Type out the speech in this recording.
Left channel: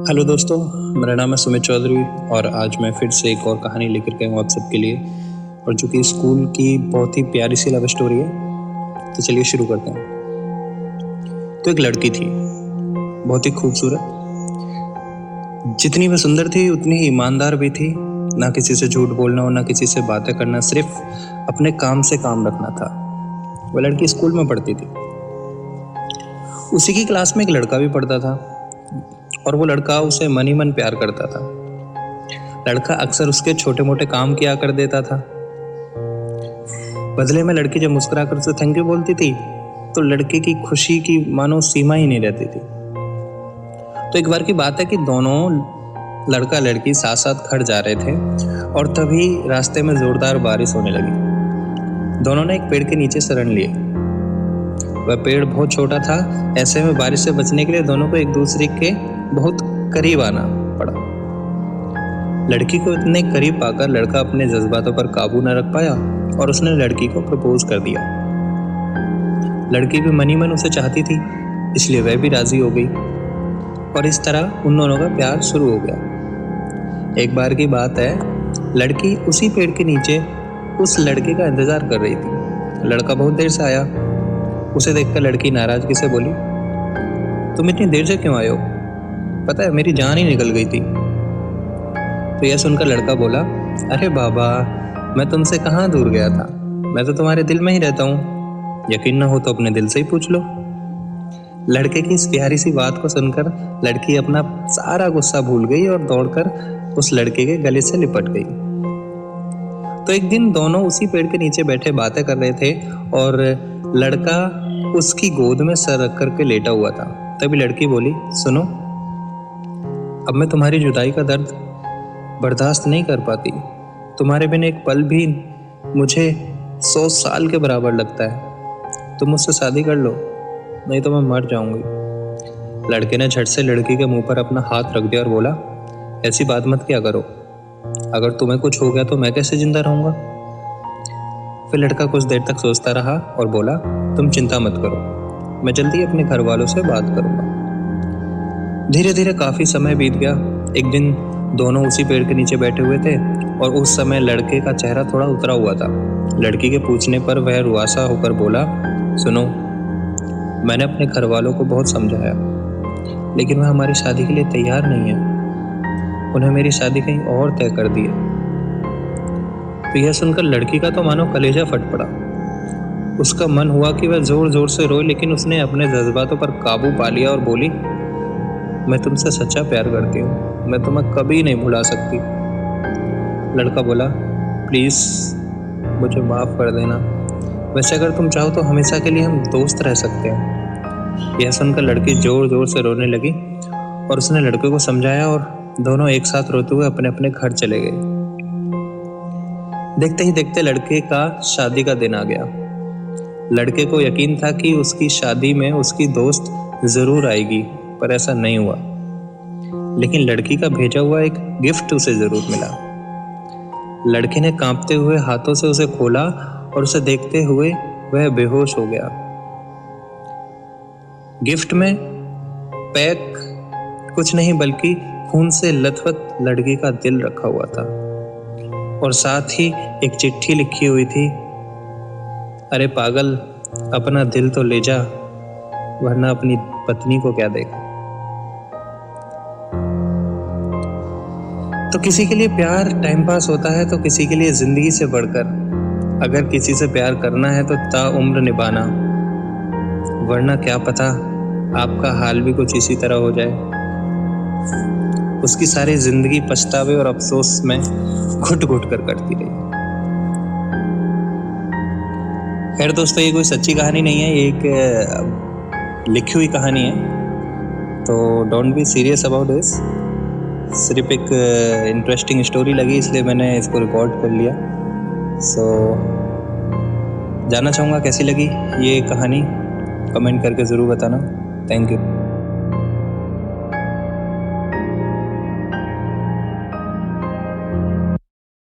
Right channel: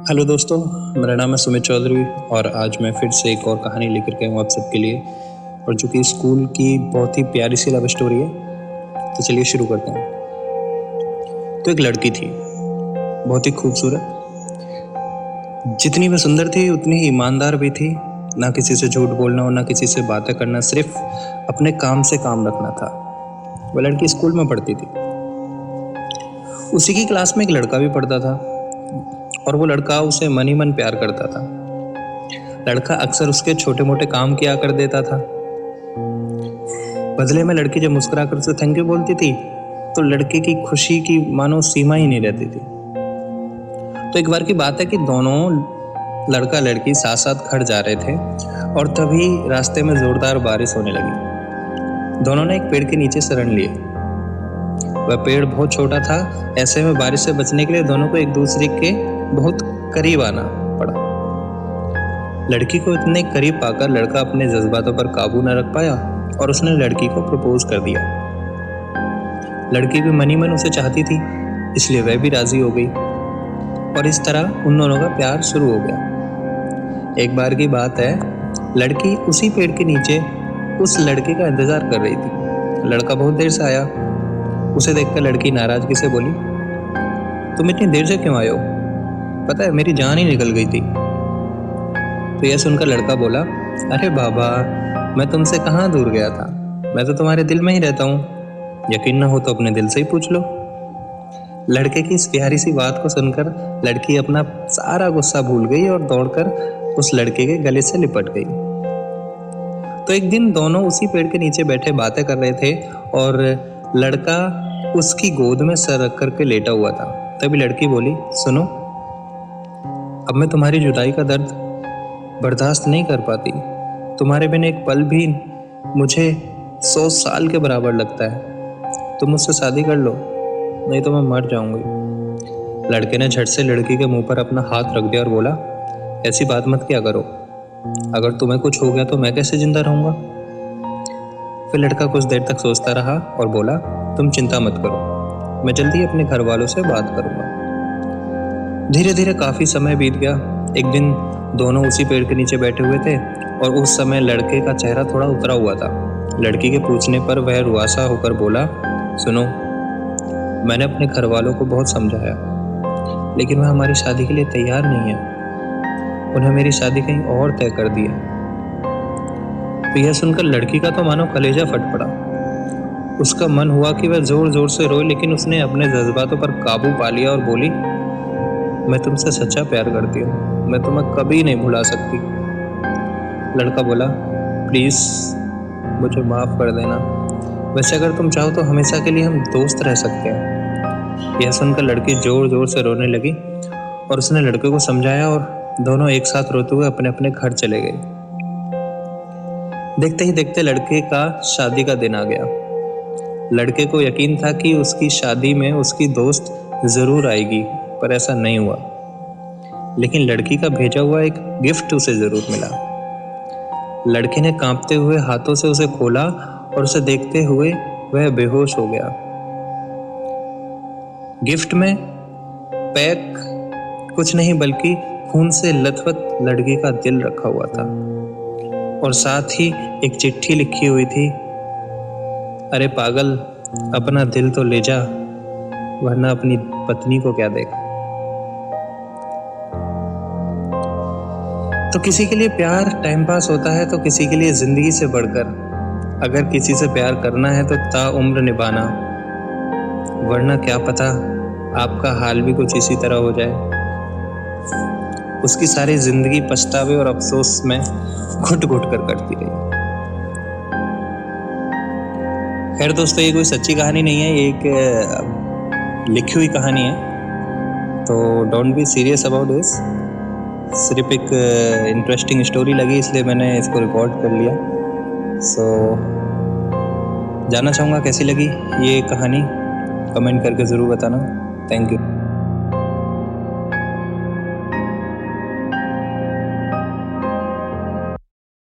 Hello दोस्तों, मेरा नाम है सुमित चौधरी और आज मैं फिर से एक और कहानी लेकर के हूँ आप सबके लिए। और जो कि स्कूल की बहुत ही प्यारी सी लव स्टोरी है। तो चलिए शुरू करते हैं। तो एक लड़की थी, बहुत ही खूबसूरत। जितनी वह सुंदर थी उतनी ही ईमानदार भी थी। ना किसी से झूठ बोलना और ना किसी से बातें करना, सिर्फ अपने काम से काम रखना था। वह लड़की स्कूल में पढ़ती थी। उसी की क्लास में एक लड़का भी पढ़ता था और वो लड़का उसे मन ही मन प्यार करता था। लड़का अक्सर उसके छोटे मोटे काम किया कर देता था। बदले में लड़की जब मुस्कुरा कर उसे थैंक यू बोलती थी तो लड़के की खुशी की मानो सीमा ही नहीं रहती थी। तो एक बार की बात है कि दोनों लड़का लड़की साथ साथ घर जा रहे थे और तभी रास्ते में जोरदार बारिश होने लगी। दोनों ने एक पेड़ के नीचे शरण लिए। वह पेड़ बहुत छोटा था, ऐसे में बारिश से बचने के लिए दोनों को एक दूसरे के बहुत करीब आना पड़ा। लड़की को इतने करीब पाकर लड़का अपने जज्बातों पर काबू न रख पाया और उसने लड़की को प्रपोज कर दिया। लड़की भी मन ही मन उसे चाहती थी, इसलिए वह भी राजी हो गई और इस तरह उन दोनों का प्यार शुरू हो गया। एक बार की बात है, लड़की उसी पेड़ के नीचे उस लड़के का इंतजार कर रही थी। लड़का बहुत देर से आया। उसे देखकर लड़की नाराजगी से बोली, तुम इतनी देर से क्यों आए हो? पता है मेरी जान ही निकल गई थी। तो यह सुनकर लड़का बोला, अरे बाबा, मैं तुमसे कहाँ दूर गया था, मैं तो तुम्हारे दिल में ही रहता हूँ। यकीन ना हो तो अपने दिल से ही पूछ लो। लड़के की इस प्यारी सी बात को सुनकर लड़की अपना सारा गुस्सा भूल गई और दौड़कर उस लड़के के गले से लिपट गई। तो एक दिन दोनों उसी पेड़ के नीचे बैठे बातें कर रहे थे और लड़का उसकी गोद में सर रख करके लेटा हुआ था। तभी लड़की बोली, सुनो, अब मैं तुम्हारी जुदाई का दर्द बर्दाश्त नहीं कर पाती। तुम्हारे बिना एक पल भी मुझे 100 साल के बराबर लगता है। तुम मुझसे शादी कर लो, नहीं तो मैं मर जाऊंगी। लड़के ने झट से लड़की के मुंह पर अपना हाथ रख दिया और बोला, ऐसी बात मत किया करो। अगर तुम्हें कुछ हो गया तो मैं कैसे जिंदा रहूंगा? फिर लड़का कुछ देर तक सोचता रहा और बोला, तुम चिंता मत करो, मैं जल्दी अपने घर वालों से बात करूंगा। धीरे धीरे काफी समय बीत गया। एक दिन दोनों उसी पेड़ के नीचे बैठे हुए थे और उस समय लड़के का चेहरा थोड़ा उतरा हुआ था। लड़की के पूछने पर वह रुआसा होकर बोला, सुनो, मैंने अपने घर वालों को बहुत समझाया, लेकिन वह हमारी शादी के लिए तैयार नहीं है। उन्हें मेरी शादी कहीं और तय कर दी है। तो यह सुनकर लड़की का तो मानो कलेजा फट पड़ा। उसका मन हुआ कि वह जोर जोर से रोए, लेकिन उसने अपने जज्बातों पर काबू पा लिया और बोली, मैं तुमसे सच्चा प्यार करती हूँ, मैं तुम्हें कभी नहीं भुला सकती। लड़का बोला, प्लीज मुझे माफ कर देना, वैसे अगर तुम चाहो तो हमेशा के लिए हम दोस्त रह सकते हैं। यह सुनकर लड़की जोर जोर से रोने लगी और उसने लड़के को समझाया और दोनों एक साथ रोते हुए अपने अपने घर चले गए। देखते ही देखते लड़के का शादी का दिन आ गया। लड़के को यकीन था कि उसकी शादी में उसकी दोस्त जरूर आएगी, पर ऐसा नहीं हुआ। लेकिन लड़की का भेजा हुआ एक गिफ्ट उसे जरूर मिला। लड़के ने कांपते हुए हाथों से उसे खोला और उसे देखते हुए वह बेहोश हो गया। गिफ्ट में पैक कुछ नहीं बल्कि खून से लथपथ लड़की का दिल रखा हुआ था और साथ ही एक चिट्ठी लिखी हुई थी, अरे पागल, अपना दिल तो ले जा, वरना अपनी पत्नी को क्या देगा। तो किसी के लिए प्यार टाइम पास होता है तो किसी के लिए जिंदगी से बढ़कर। अगर किसी से प्यार करना है तो ताउम्र निभाना, वरना क्या पता आपका हाल भी कुछ इसी तरह हो जाए। उसकी सारी जिंदगी पछतावे और अफसोस में घुट घुट कर कटती रही। खैर दोस्तों, ये कोई सच्ची कहानी नहीं है, ये एक लिखी हुई कहानी है। तो don't be serious about this. सिर्फ एक इंटरेस्टिंग स्टोरी लगी इसलिए मैंने इसको रिकॉर्ड कर लिया। सो जानना चाहूँगा कैसी लगी ये कहानी, कमेंट करके ज़रूर बताना। Thank you.